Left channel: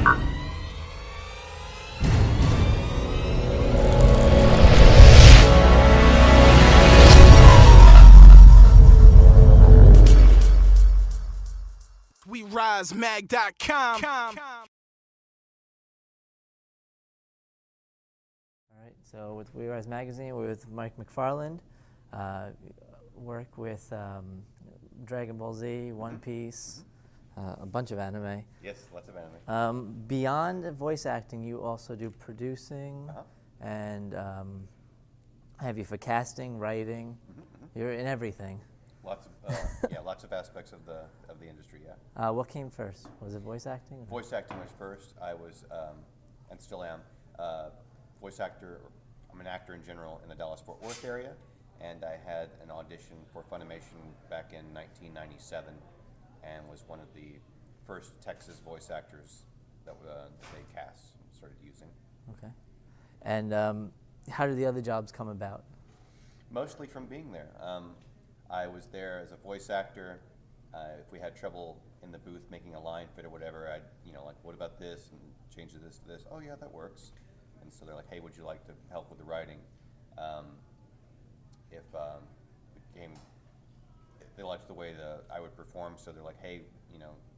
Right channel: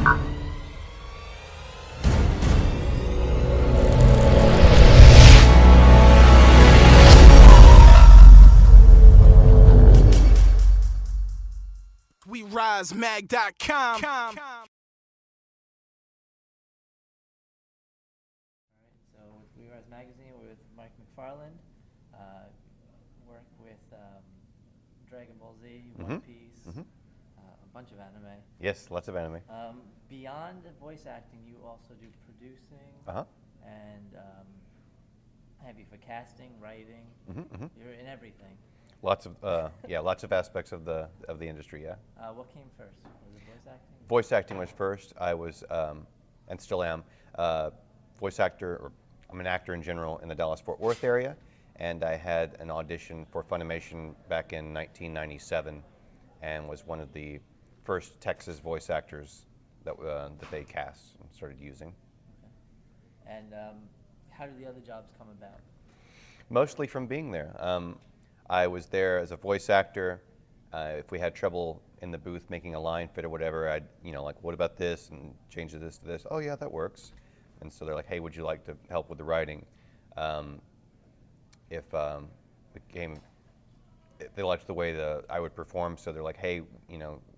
WeRiseMag.com. All right, so with We Rise Magazine, we're with Mike McFarland. Work with Dragon Ball Z, One Piece, a bunch of anime. Yes, lots of anime. Beyond voice acting, you also do producing and have you for casting, writing. You're in everything. Lots of lots of aspects of the industry. Yeah. What came first? Was it voice acting? Voice acting was first. I was and still am voice actor. Or I'm an actor in general in the Dallas-Fort Worth area, and I had an audition for Funimation back in 1997, and was one of the first Texas voice actors that they cast and started using. Okay. And how did the other jobs come about? Mostly from being there. I was there as a voice actor. If we had trouble in the booth making a line fit or whatever, I'd, like, what about this? And change this to this. Oh, yeah, that works. And so they're like, hey, would you like to help with the writing? If they liked the way I would perform, so they're like, hey,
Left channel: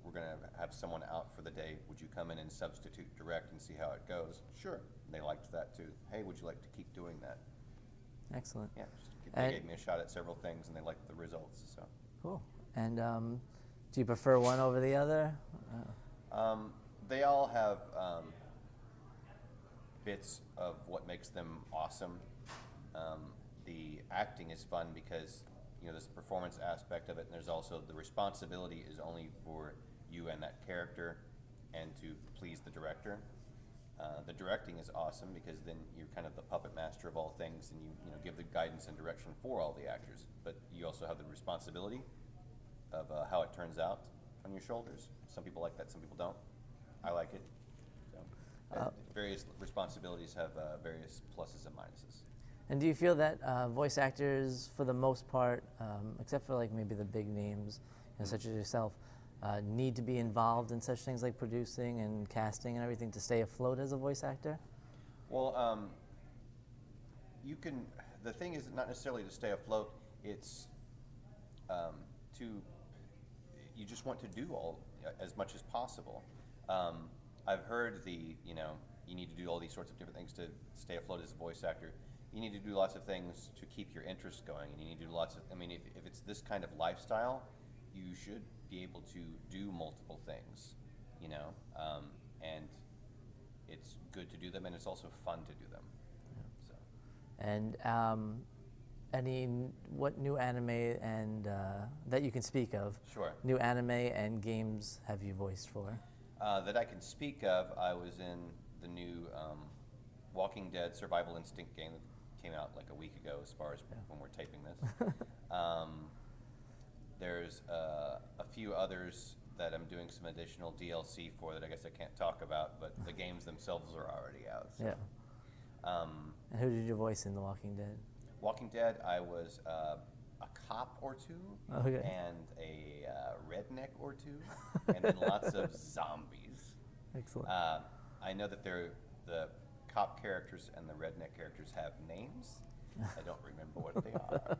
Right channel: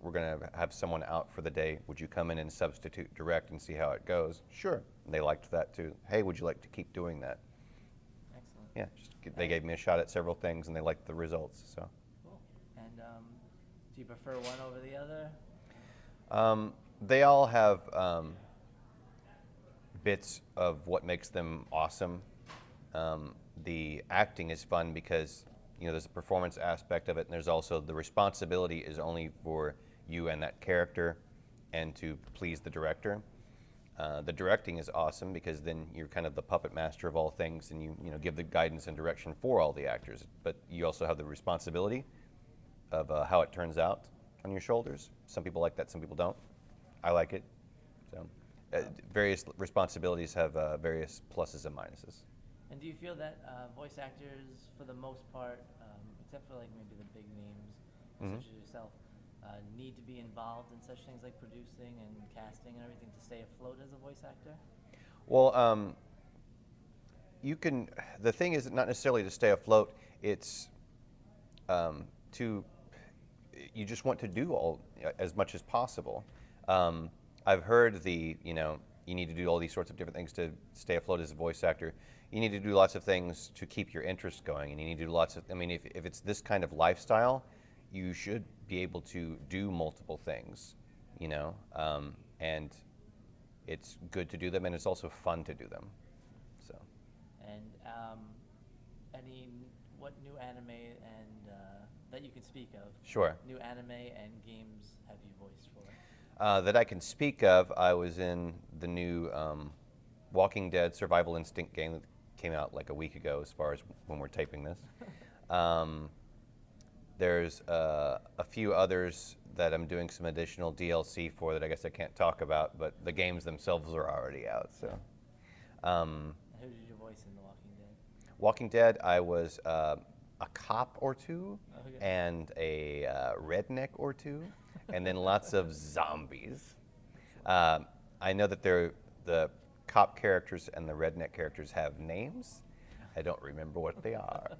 we're going to have someone out for the day. Would you come in and substitute direct and see how it goes? Sure. And they liked that too. Hey, would you like to keep doing that? Excellent. Yeah, they gave me a shot at several things, and they liked the results. So cool. And do you prefer one over the other? They all have bits of what makes them awesome. The acting is fun because there's a performance aspect of it, and there's also the responsibility is only for you and that character, and to please the director. The directing is awesome because then you're kind of the puppet master of all things, and you give the guidance and direction for all the actors. But you also have the responsibility of how it turns out on your shoulders. Some people like that, some people don't. I like it. So various responsibilities have various pluses and minuses. And do you feel that voice actors, for the most part, except for like maybe the big names, such as yourself, need to be involved in such things like producing and casting and everything to stay afloat as a voice actor? Well, you can. The thing is not necessarily to stay afloat. It's you just want to do as much as possible. I've heard you need to do all these sorts of different things to stay afloat as a voice actor. You need to do lots of things to keep your interest going, and you need to do lots of. I mean, if it's this kind of lifestyle, you should be able to do multiple things, and it's good to do them, and it's also fun to do them. So. And what new anime and that you can speak of? Sure. New anime and games have you voiced for? That I can speak of, I was in the new Walking Dead Survival Instinct game that came out like a week ago, as far as when we're taping this. There's a few others that I'm doing some additional DLC for that I guess I can't talk about, but the games themselves are already out. So. Yeah. And who did you voice in The Walking Dead? Walking Dead, I was a cop or two, okay. and a redneck or two, and then lots of zombies. Excellent. I know that the cop characters and the redneck characters have names. I don't remember what they are.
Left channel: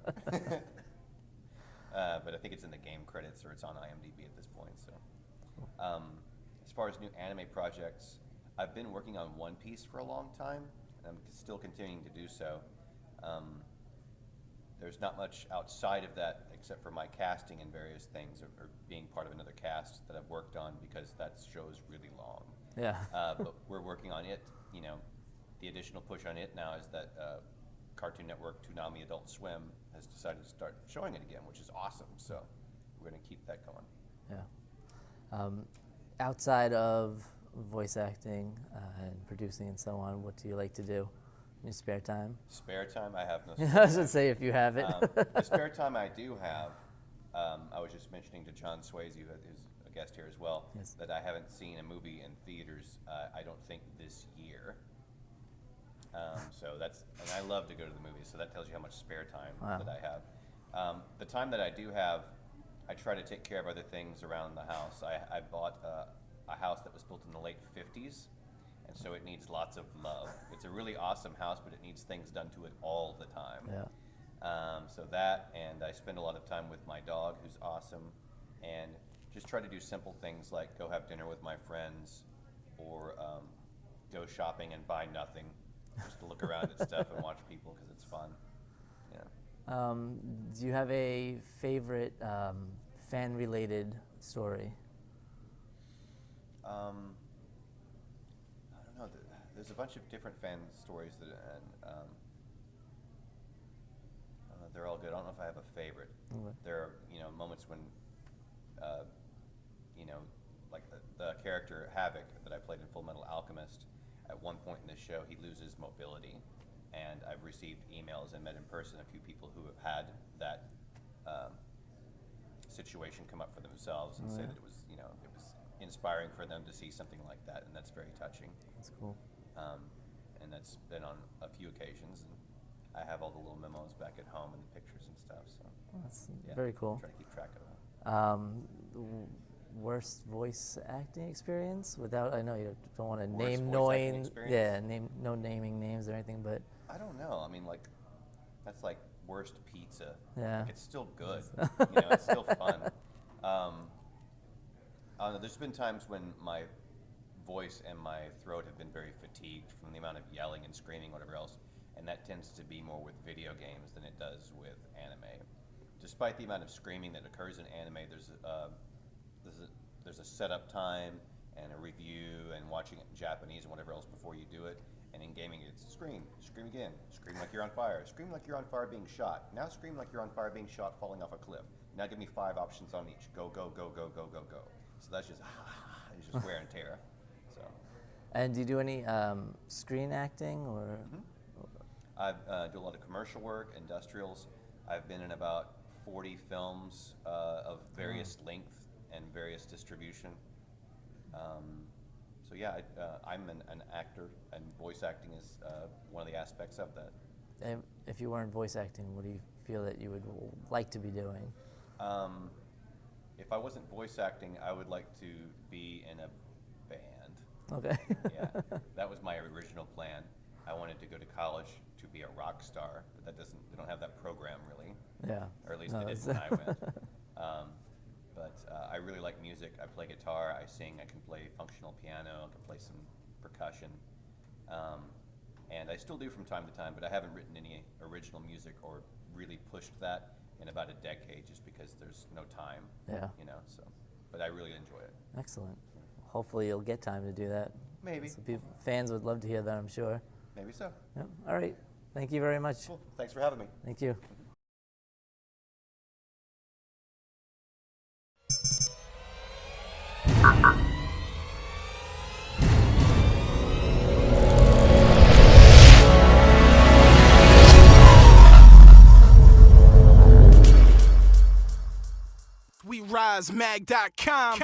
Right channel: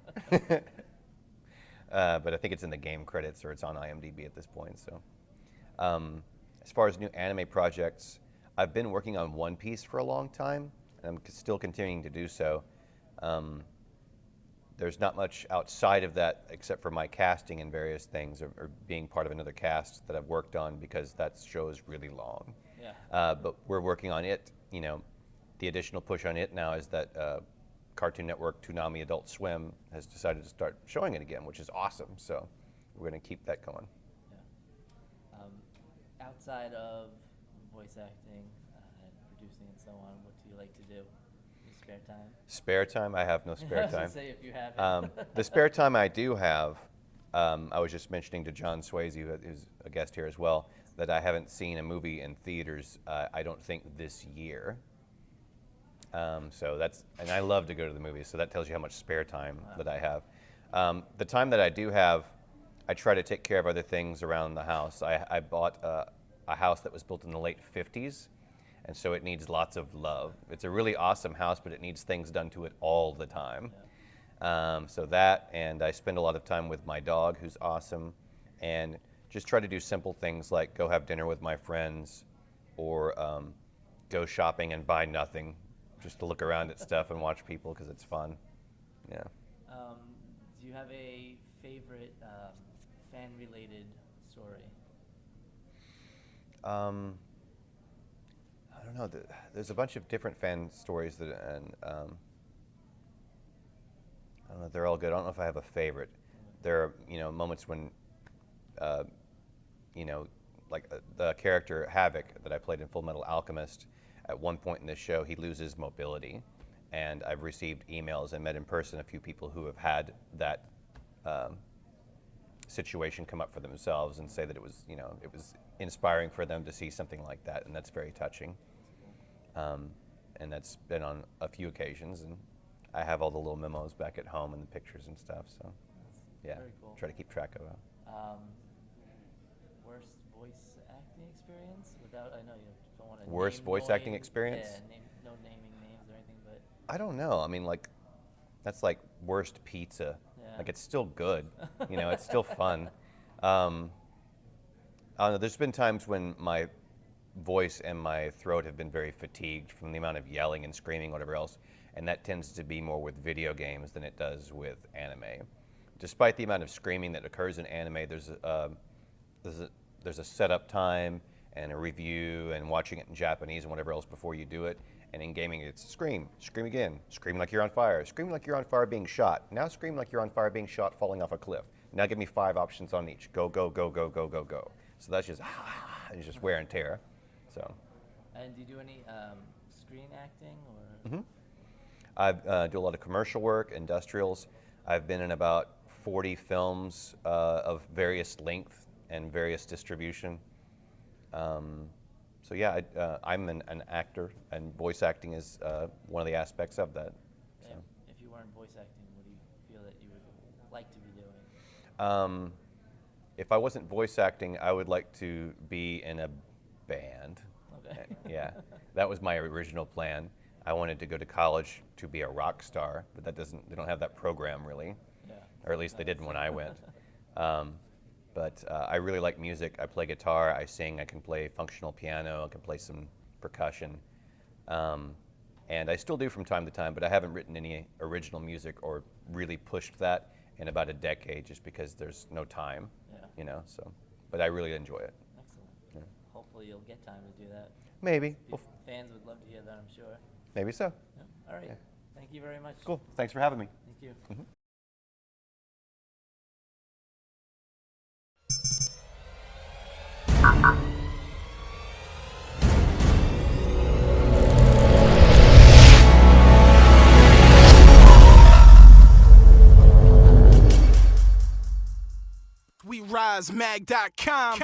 But I think it's in the game credits, or it's on IMDb at this point. So, as far as new anime projects, I've been working on One Piece for a long time, and I'm still continuing to do so. There's not much outside of that except for my casting in various things, or being part of another cast that I've worked on, because that show is really long. Yeah. But we're working on it. The additional push on it now is that Cartoon Network, Toonami, Adult Swim has decided to start showing it again, which is awesome. So we're going to keep that going. Yeah. Outside of voice acting and producing and so on, what do you like to do in your spare time? Spare time? I have no spare time. I was going to say, if you have it. The spare time I do have, I was just mentioning to John Swayze, who's a guest here as well, yes, that I haven't seen a movie in theaters, I don't think, this year. So and I love to go to the movies, so that tells you how much spare time that I have. The time that I do have, I try to take care of other things around the house. I bought a house that was built in the late 50s, and so it needs lots of love. It's a really awesome house, but it needs things done to it all the time. Yeah. So that, and I spend a lot of time with my dog, who's awesome, and just try to do simple things like go have dinner with my friends, or go shopping and buy nothing, just to look around at stuff and watch people because it's fun. Yeah. Do you have a favorite fan-related story? I don't know. There's a bunch of different fan stories that, and I don't know. They're all good. I don't know if I have a favorite. Okay. There are moments when, like the character Havoc that I played in Full Metal Alchemist. At one point in the show, he loses mobility, and I've received emails and met in person a few people who have had that situation come up for themselves and say that it was inspiring for them to see something like that, and that's very touching. That's cool. And that's been on a few occasions, and I have all the little memos back at home and the pictures and stuff. So That's yeah, very cool. Try to keep track of it. Worst voice acting experience? Without, I know you don't want to name. Worst voice acting experience? Yeah, no naming names or anything, but. I don't know. I mean, like, that's like worst pizza. Yeah. Like, it's still good. It's still fun. I don't know. There's been times when my voice and my throat have been very fatigued from the amount of yelling and screaming, whatever else, and that tends to be more with video games than it does with anime. Despite the amount of screaming that occurs in anime, there's a setup time and a review and watching it in Japanese and whatever else before you do it. And in gaming, it's scream again, scream like you're on fire, scream like you're on fire being shot. Now scream like you're on fire being shot falling off a cliff. Now give me 5 options on each. Go, go, go, go, go, go, go. So that's just, it's just wear and tear. So. And do you do any screen acting or? I do a lot of commercial work, industrials. I've been in about 40 films of various length and various distribution. So yeah, I'm an actor, and voice acting is one of the aspects of that. And if you weren't voice acting, what do you feel that you would like to be doing? If I wasn't voice acting, I would like to be in a band. Okay. Yeah, that was my original plan. I wanted to go to college to be a rock star, but they don't have that program really. Yeah. Or at least they didn't when I went. But I really like music. I play guitar, I sing, I can play functional piano, I can play some percussion. And I still do from time to time, but I haven't written any original music or really pushed that in about a decade just because there's no time. Yeah. So, but I really enjoy it. Excellent. Yeah. Hopefully you'll get time to do that. Maybe. Fans would love to hear that, I'm sure. Maybe so. Yep. All right. Thank you very much. Cool. Thanks for having me. Thank you. WeRiseMag.com